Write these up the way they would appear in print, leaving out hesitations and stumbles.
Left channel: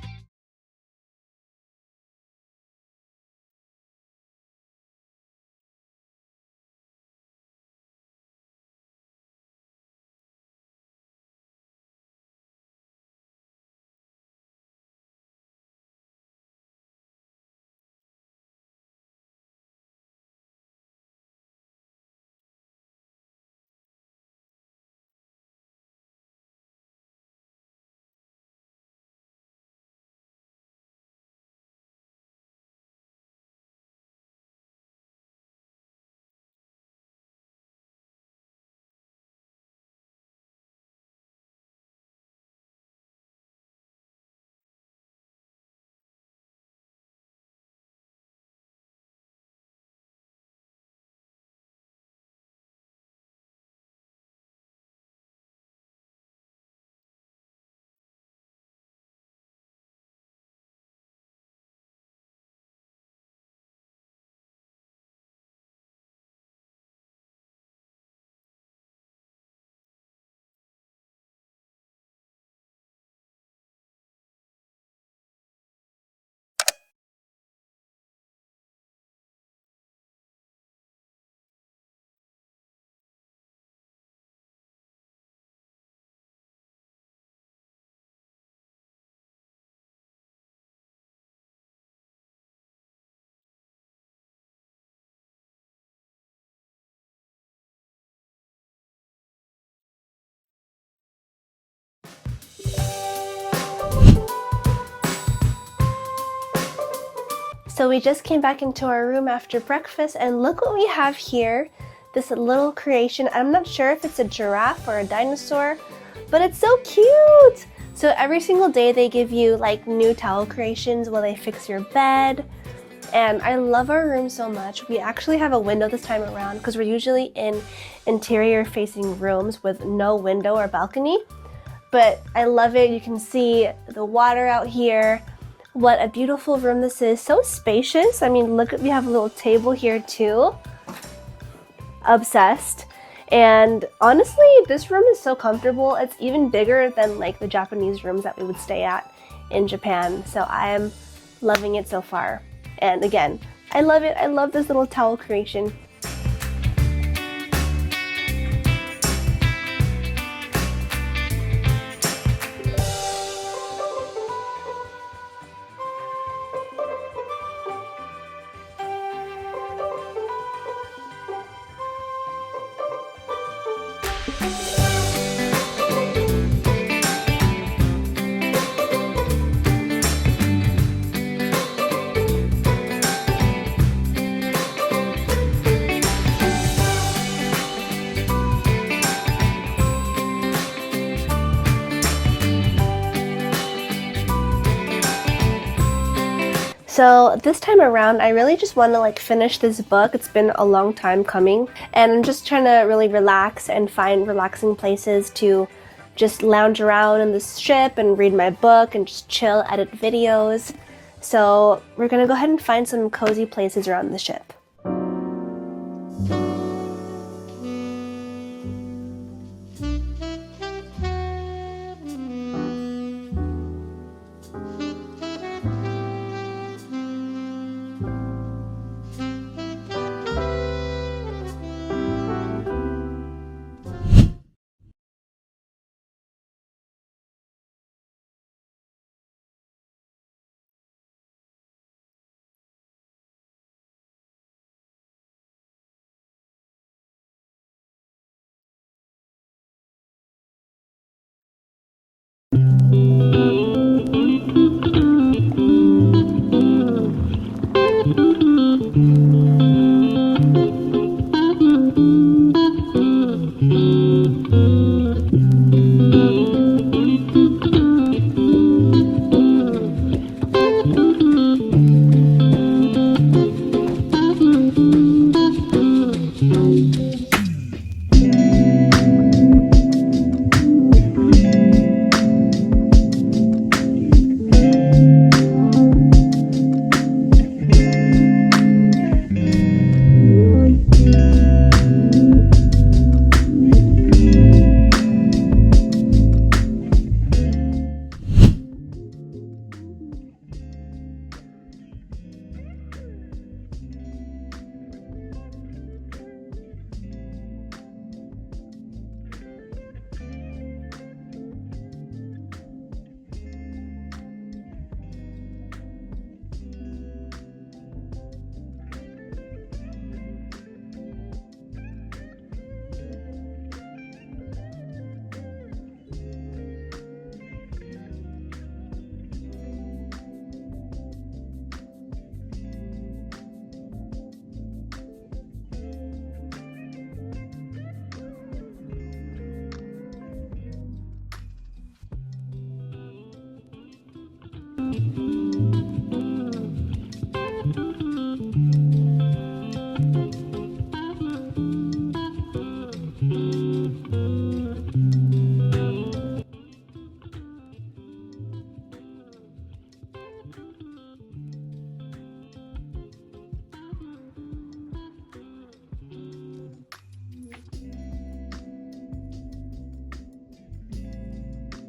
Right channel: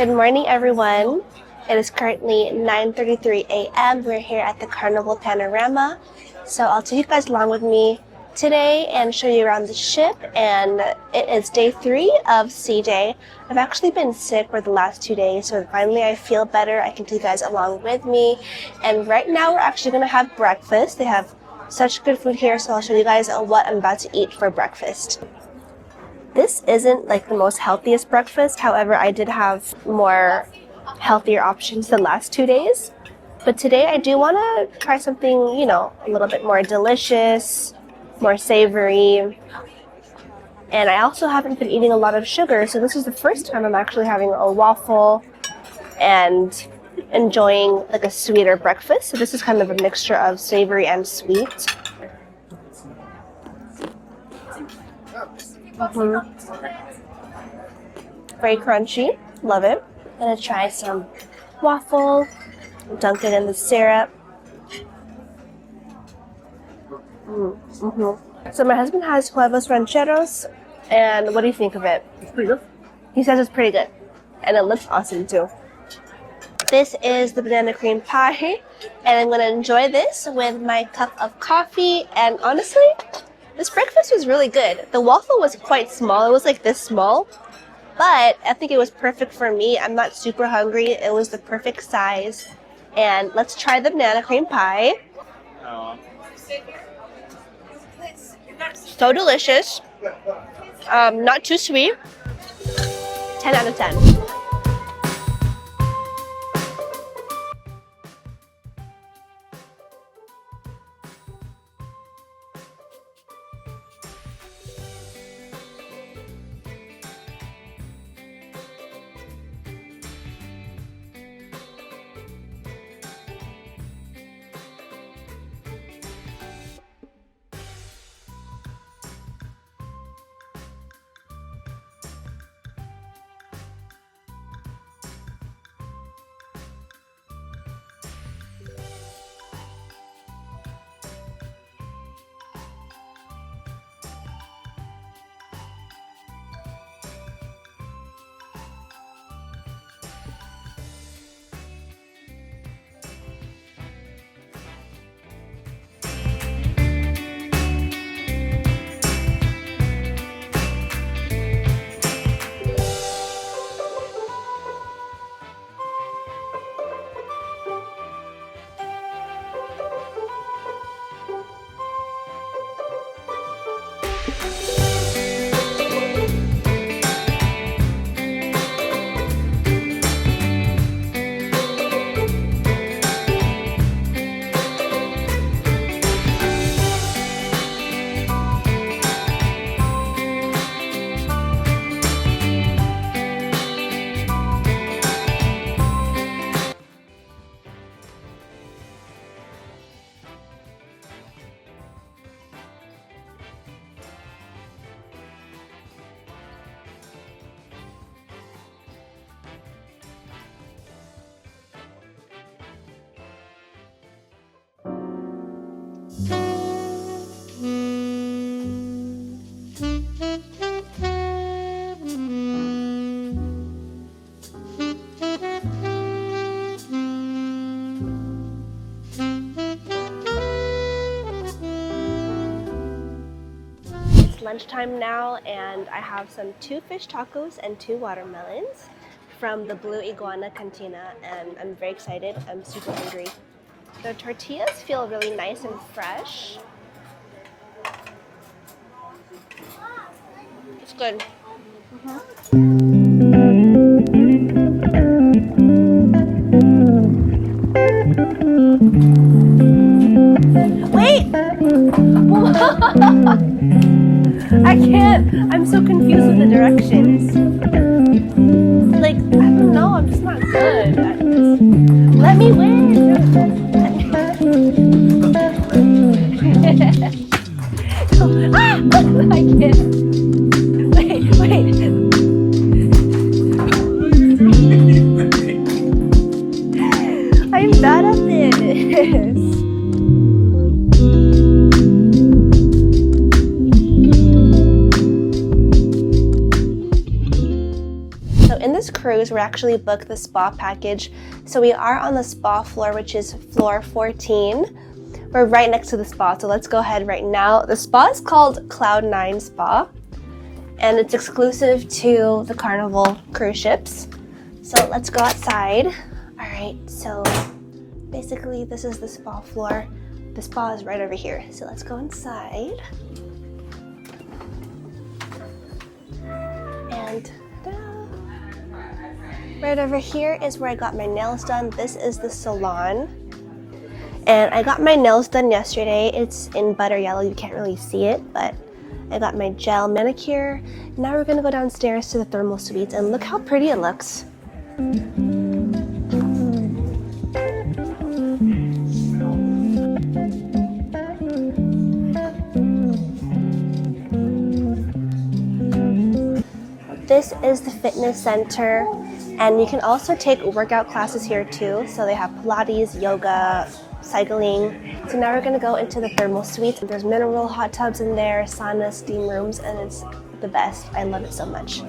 Good morning, everyone. It is currently 9:33 a.m. We're here at the Carnival Panorama. So I'll take you guys along with me today and show you around the ship. And it is day 3 of CJ. I've actually been sick for the last 2 days, so finally I feel better. I can take you guys along with me. And right now we're actually going to have breakfast. They have such good food here, so I'll show you guys what I'm about to eat for breakfast. This isn't like the most healthiest breakfast. However, I did have more healthier options the last 2 days. But today I do want to try something, you know, a little bit more delicious, more savory. And I also haven't been eating a lot of sugar, so this is the first time I'm actually having a waffle and enjoying like a sweeter breakfast. So this is kind of a mixture of savory and sweet. Very crunchy, love it. I'm gonna try some waffle, dunk it in the syrup. So my husband has huevos rancheros, and what do you think of it? It's pretty good. He says it's pretty good, and it looks awesome too. This is the banana cream pie, and I'm gonna enjoy this with my cup of coffee. And honestly, this breakfast was really good. The waffle was quite small. It was like this small, but I think it was perfect for me. I'm not super hungry. It was the perfect size. And let's try the banana cream pie. So delicious. Not too sweet. 10 out of 10. So we just came back into our room after breakfast, and look what we have here. This little creation. I'm not sure if it's a giraffe or a dinosaur, but it's so cute. So every single day they give you like new towel creations while they fix your bed. And I love our room so much. We actually have a window this time around because we're usually in interior facing rooms with no window or balcony. But I love it. You can see the water out here. What a beautiful room this is. So spacious. I mean, look, we have a little table here too. Obsessed. And honestly, this room is so comfortable. It's even bigger than like the Japanese rooms that we would stay at in Japan. So I am loving it so far. And again, I love it. I love this little towel creation. So this time around, I really just want to like finish this book. It's been a long time coming, and I'm just trying to really relax and find relaxing places to just lounge around in this ship and read my book and just chill, edit videos. So we're gonna go ahead and find some cozy places around the ship. Lunchtime now, and I have some 2 fish tacos and 2 watermelons from the Blue Iguana Cantina, and I'm very excited. I'm super hungry. The tortillas feel really nice and fresh. It's good. Wait! I can't. I'm so confused with the directions. Like, I don't know. I'm just not good. Let me win. I can't. Wait. I'm bad at this. cruise, we're actually booked the spa package. So we are on the spa floor, which is floor 14. We're right next to the spa, so let's go ahead right now. The spa is called Cloud9 Spa, and it's exclusive to the Carnival cruise ships. So let's go outside. All right, so basically this is the spa floor. The spa is right over here, so let's go inside. And right over here is where I got my nails done. This is the salon. And I got my nails done yesterday. It's in butter yellow, you can't really see it, but I got my gel manicure. Now we're gonna go downstairs to the thermal suites and look how pretty it looks. This is the fitness center, and you can also take workout classes here too. So they have Pilates, yoga, cycling. So now we're gonna go into the thermal suites. There's mineral hot tubs in there, sauna, steam rooms, and it's the best. I love it so much.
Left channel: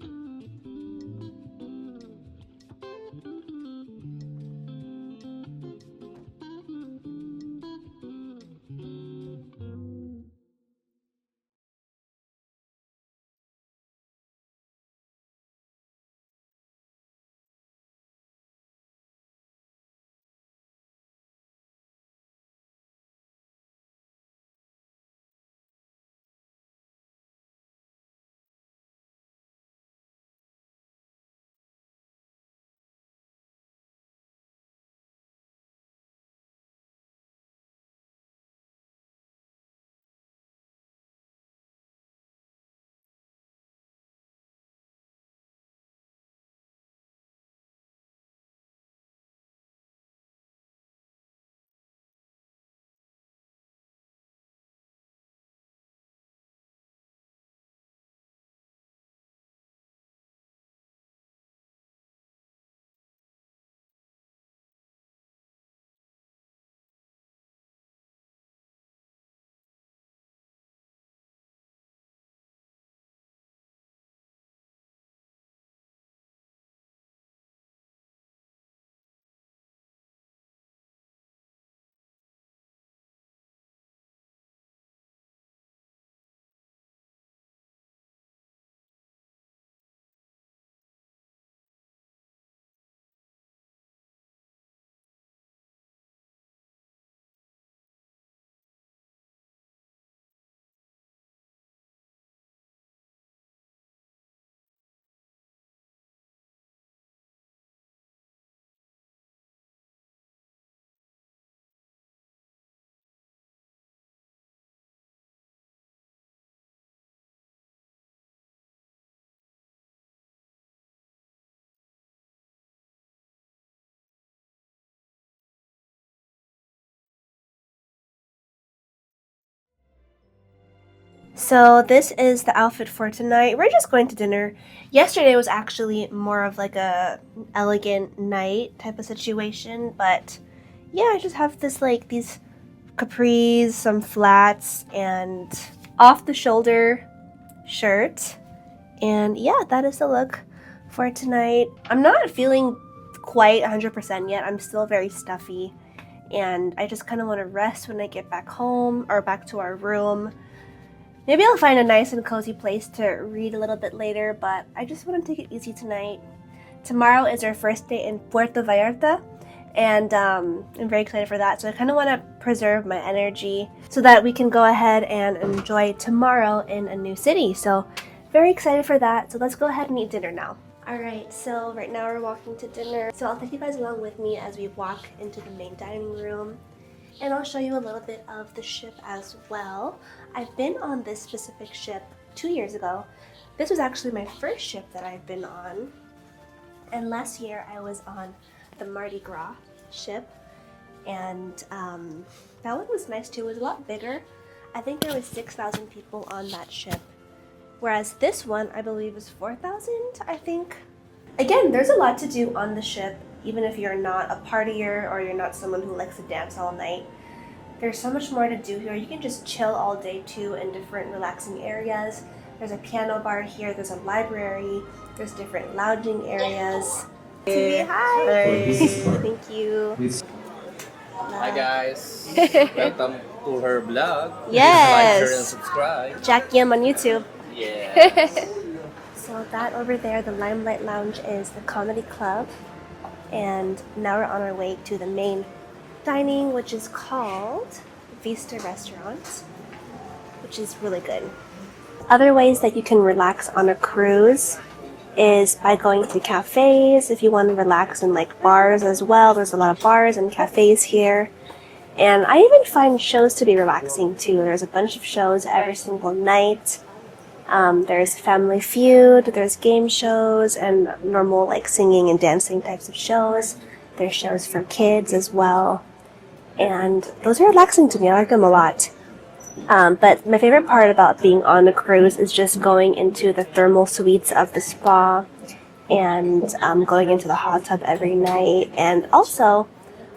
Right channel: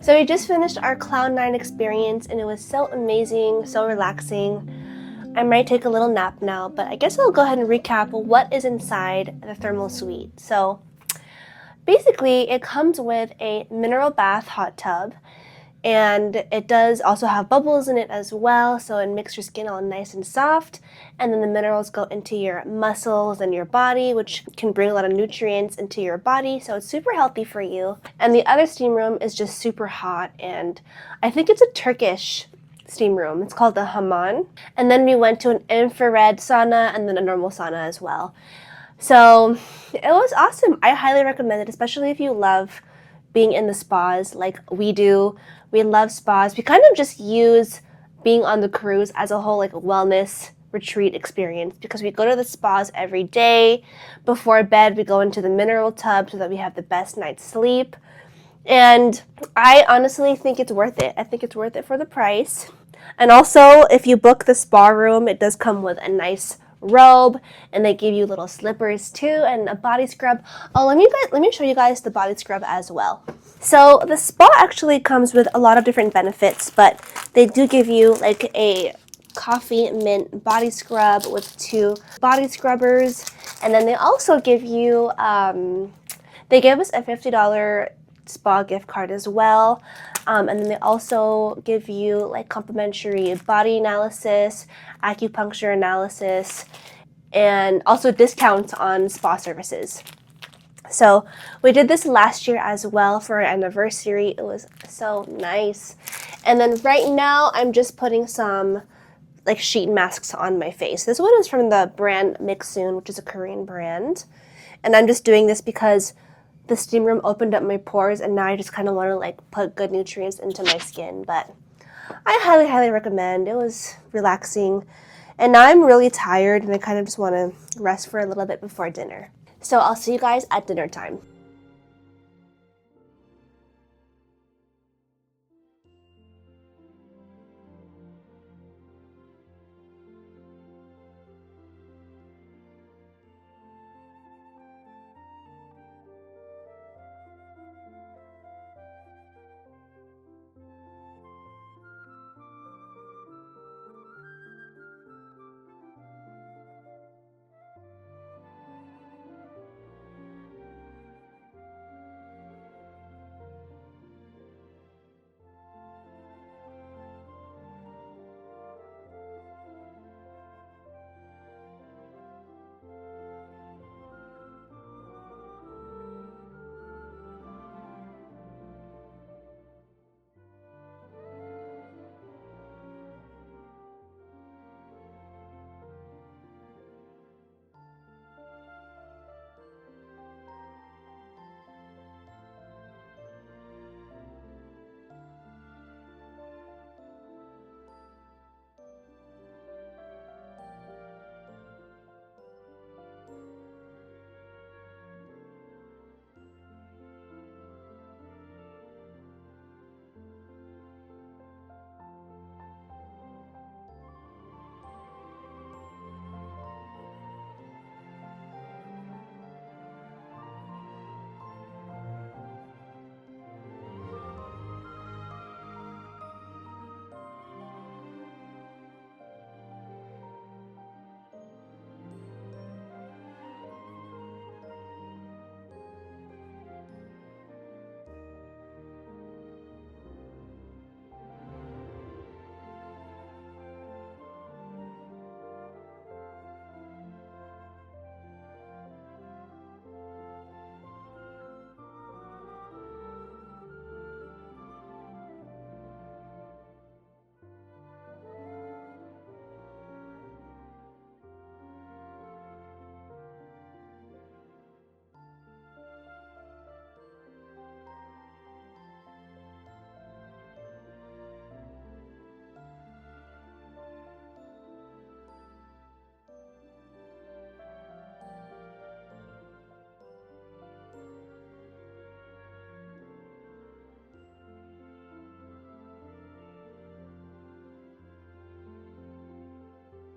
So we just finished our Cloud9 experience and it was so amazing, so relaxing. I might take a little nap now, but I guess I'll go ahead and recap what is inside the thermal suite. So basically it comes with a mineral bath hot tub, and it does also have bubbles in it as well, so it makes your skin all nice and soft, and then the minerals go into your muscles and your body, which can bring a lot of nutrients into your body, so it's super healthy for you. And the other steam room is just super hot, and I think it's a Turkish steam room. It's called the Hammam. And then we went to an infrared sauna and then a normal sauna as well. So it was awesome. I highly recommend it, especially if you love being in the spas like we do. We love spas. We kind of just use being on the cruise as a whole like a wellness retreat experience, because we go to the spas every day. Before bed, we go into the mineral tub so that we have the best night's sleep. And I honestly think it's worth it. I think it's worth it for the price. And also, if you book the spa room, it does come with a nice robe, and they give you little slippers too, and a body scrub. Oh, let me show you guys the body scrub as well. So the spa actually comes with a lot of different benefits, but they do give you like a coffee mint body scrub with 2 body scrubbers, and then they also give you they gave us a $50 spa gift card as well, and then they also give you like complimentary body analysis, acupuncture analysis, and also discounts on spa services. So we did this last year as well for our anniversary. It was so nice. And then right now I'm just putting some like sheet masks on my face. This one is from the brand Mixsoon, which is a Korean brand. And I'm just doing this because the steam room opened up my pores, and now I just kind of want to like put good nutrients into my skin. But I highly, highly recommend. It was relaxing. And now I'm really tired and I kind of just want to rest for a little bit before dinner. So I'll see you guys at dinner time. So this is the outfit for tonight. We're just going to dinner. Yesterday was actually more of like a elegant night type of situation, but yeah, I just have this like these capris, some flats, and off the shoulder shirt. And yeah, that is the look for tonight. I'm not feeling quite 100% yet. I'm still very stuffy, and I just kind of want to rest when I get back home or back to our room. Maybe I'll find a nice and cozy place to read a little bit later, but I just want to take it easy tonight. Tomorrow is our first day in Puerto Vallarta, and I'm very excited for that. So I kind of want to preserve my energy so that we can go ahead and enjoy tomorrow in a new city. So very excited for that. So let's go ahead and eat dinner now. Alright, so right now we're walking to dinner. So I'll take you guys along with me as we walk into the main dining room. And I'll show you a little bit of the ship as well. I've been on this specific ship 2 years ago. This was actually my first ship that I've been on. And last year I was on the Mardi Gras ship, and that one was nice too. It was a lot bigger. I think there was 6,000 people on that ship, whereas this one I believe was 4,000, I think. Again, there's a lot to do on the ship, even if you're not a partier or you're not someone who likes to dance all night. There's so much more to do here. You can just chill all day too in different relaxing areas. There's a piano bar here, there's a library, there's different lounging areas. Hi. Hi. Thank you. Hi guys. Welcome to her vlog. Yes. Like, share, and subscribe. Jack Yim on YouTube. Yeah. So that over there, the Limelight Lounge, is the comedy club. And now we're on our way to the main dining, which is called Vista Restaurant, which is really good. Other ways that you can relax on a cruise is by going to cafes. If you want to relax in like bars as well, there's a lot of bars and cafes here. And I even find shows to be relaxing too. There's a bunch of shows every single night. There's Family Feud, there's game shows, and normal like singing and dancing types of shows. There's shows for kids as well. And those are relaxing to me. I like them a lot. But my favorite part about being on a cruise is just going into the thermal suites of the spa and going into the hot tub every night. And also,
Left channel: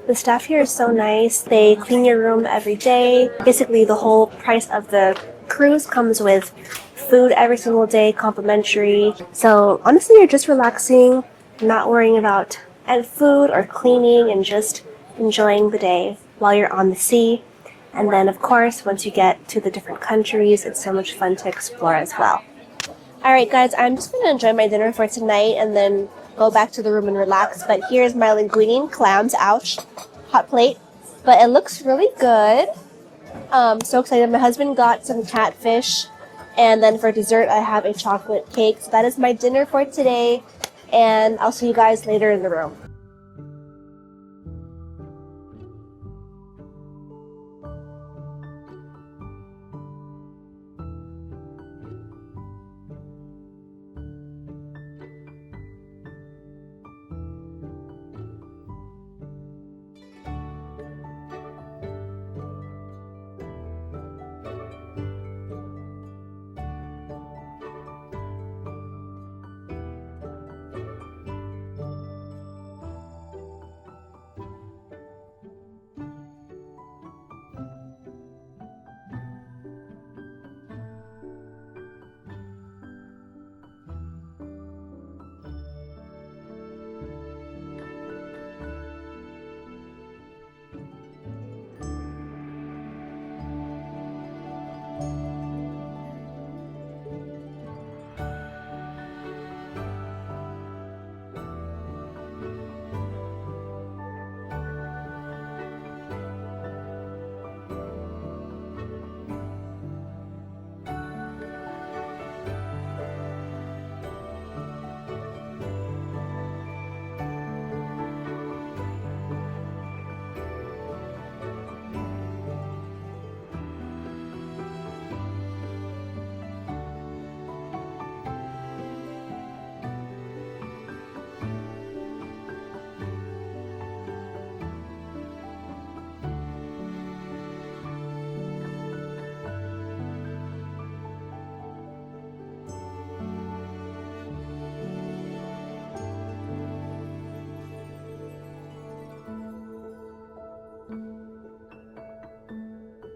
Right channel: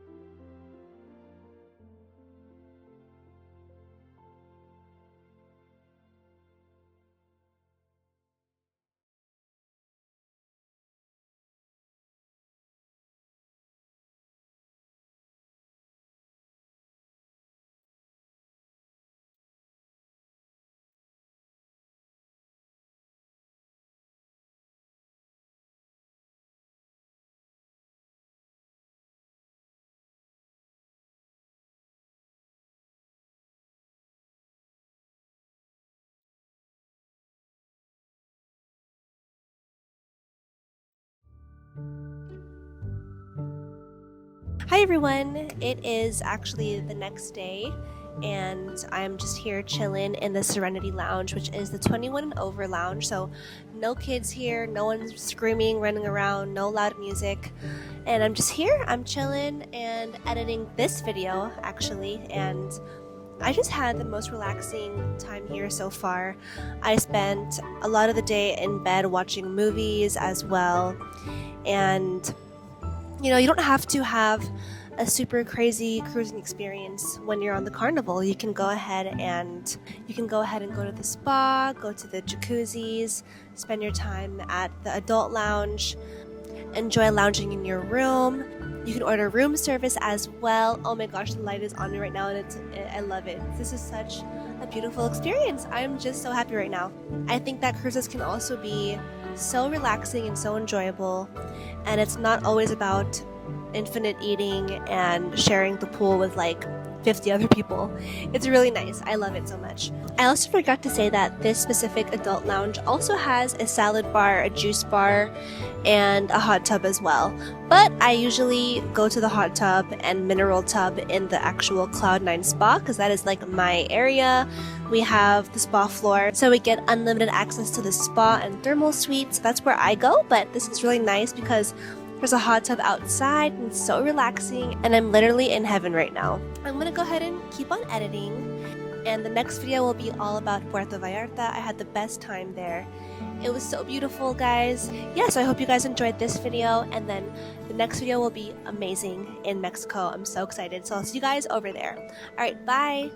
the staff here is so nice. They clean your room every day. Basically, the whole price of the cruise comes with food every single day, complimentary. So honestly, you're just relaxing, not worrying about food or cleaning, and just enjoying the day while you're on the sea. And then, of course, once you get to the different countries, it's so much fun to explore as well. Alright guys, I'm just going to enjoy my dinner for tonight and then go back to the room and relax. But here's my linguine clams, ouch, hot plate. But it looks really good. So excited. My husband got some catfish. And then for dessert, I have a chocolate cake. So that is my dinner for today. And I'll see you guys later in the room. Hi everyone, it is actually the next day and I'm just here chilling in the Serenity Lounge, which is the 21 and over lounge. So no kids here, no one's screaming, running around, no loud music. And I'm just here, I'm chilling and editing this video actually, and I just had the most relaxing time here so far. I spent a lot of the day in bed watching movies as well, and you know, you don't have to have a super crazy cruising experience when you're on the Carnival. You can go ahead and go to the spa, go to the jacuzzis, spend your time at the adult lounge, enjoy lounging in your room. You can order room service as well. Oh my gosh, the light is on me right now and I love it. This is such a beautiful experience. I'm just so happy right now. I think that cruises can also be so relaxing and so enjoyable. And it's not always about infinite eating and sharing the pool with like 50 other people. It's really nice. I love it so much. I also forgot to say that this specific adult lounge also has a salad bar, a juice bar, and a hot tub as well. But I usually go to the hot tub and mineral tub in the actual Cloud9 spa because that is like my area. We have the spa floor, so we get unlimited access to the spa and thermal suite. So that's where I go, but this is really nice because there's a hot tub outside and it's so relaxing, and I'm literally in heaven right now. I'm gonna go ahead and keep on editing, and the next video will be all about Puerto Vallarta. I had the best time there. It was so beautiful, guys. Yeah, so I hope you guys enjoyed this video, and then the next video will be amazing in Mexico. I'm so excited. So I'll see you guys over there. Alright, bye!